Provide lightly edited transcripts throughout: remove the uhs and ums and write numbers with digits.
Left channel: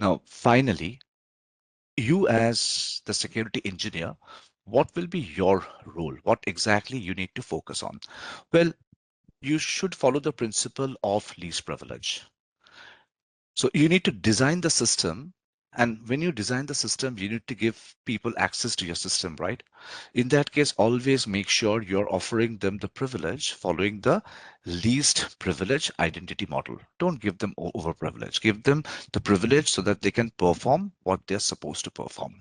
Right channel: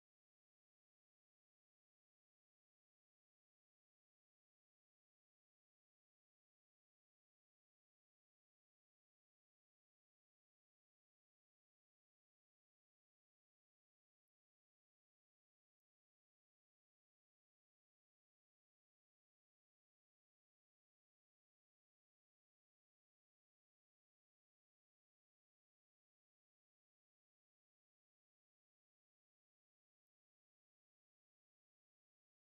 Now, finally, you as the security engineer, what will be your role? What exactly you need to focus on? Well, you should follow the principle of least privilege. So you need to design the system. And when you design the system, you need to give people access to your system, right? In that case, always make sure you're offering them the privilege following the least privilege identity model. Don't give them over privilege. Give them the privilege so that they can perform what they're supposed to perform.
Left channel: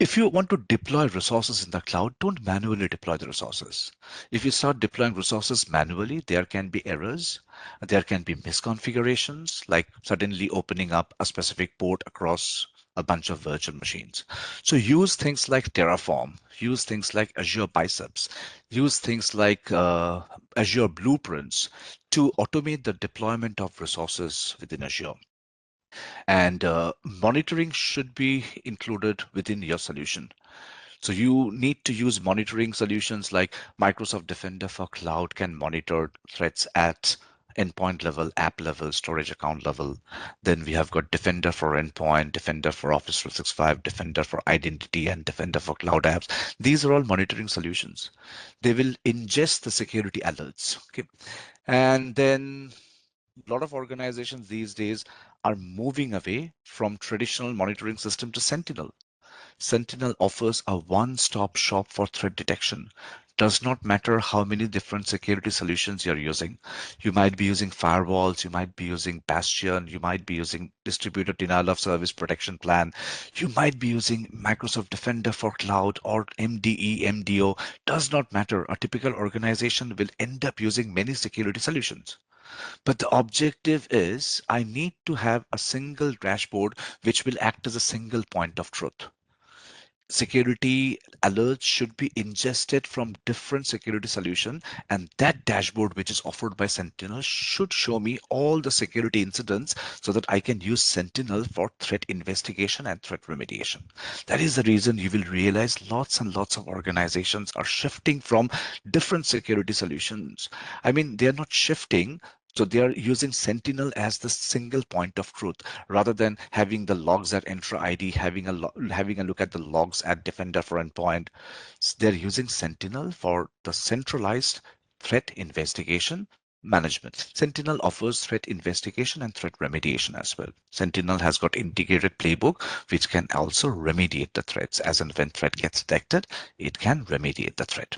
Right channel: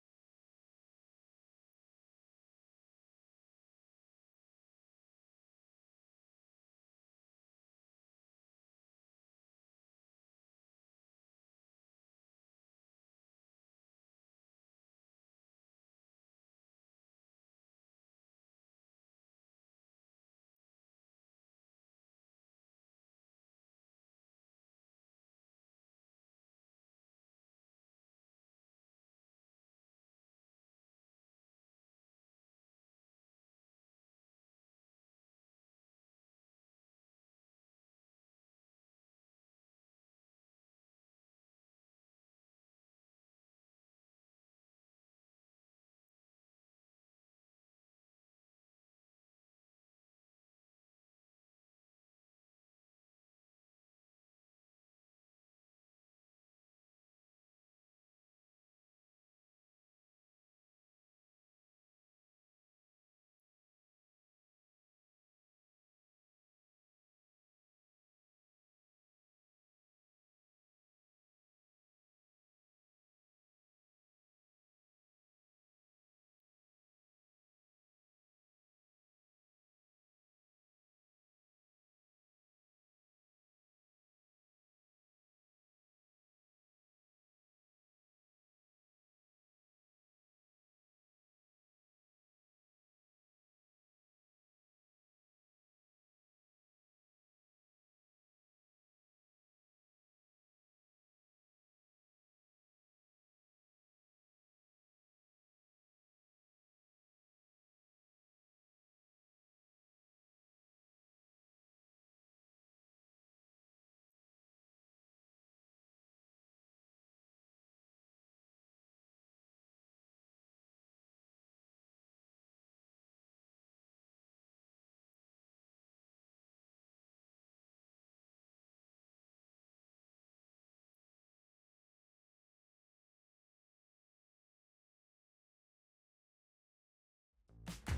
If you want to deploy resources in the cloud, don't manually deploy the resources. If you start deploying resources manually, there can be errors. There can be misconfigurations, like suddenly opening up a specific port across a bunch of virtual machines. So use things like Terraform, use things like Azure Biceps, use things like Azure Blueprints to automate the deployment of resources within Azure. And monitoring should be included within your solution. So you need to use monitoring solutions like Microsoft Defender for Cloud can monitor threats at endpoint level, app level, storage account level. Then we have got Defender for Endpoint, Defender for Office 365, Defender for Identity, and Defender for Cloud Apps. These are all monitoring solutions. They will ingest the security alerts. Okay. And then a lot of organizations these days are moving away from traditional monitoring system to Sentinel. Sentinel offers a one-stop shop for threat detection. Does not matter how many different security solutions you're using. You might be using firewalls, you might be using Bastion, you might be using distributed denial of service protection plan, you might be using Microsoft Defender for Cloud or MDE, MDO. Does not matter. A typical organization will end up using many security solutions. But the objective is I need to have a single dashboard which will act as a single point of truth. Security alerts should be ingested from different security solution, and that dashboard which is offered by Sentinel should show me all the security incidents so that I can use Sentinel for threat investigation and threat remediation. That is the reason you will realize lots and lots of organizations are shifting from different security solutions. I mean, they're not shifting, so they are using Sentinel as the single point of truth rather than having the logs at Entra ID, having a look at the logs at Defender for Endpoint. They're using Sentinel for the centralized threat investigation management. Sentinel offers threat investigation and threat remediation as well. Sentinel has got integrated playbook which can also remediate the threats. As and when threat gets detected, it can remediate the threat.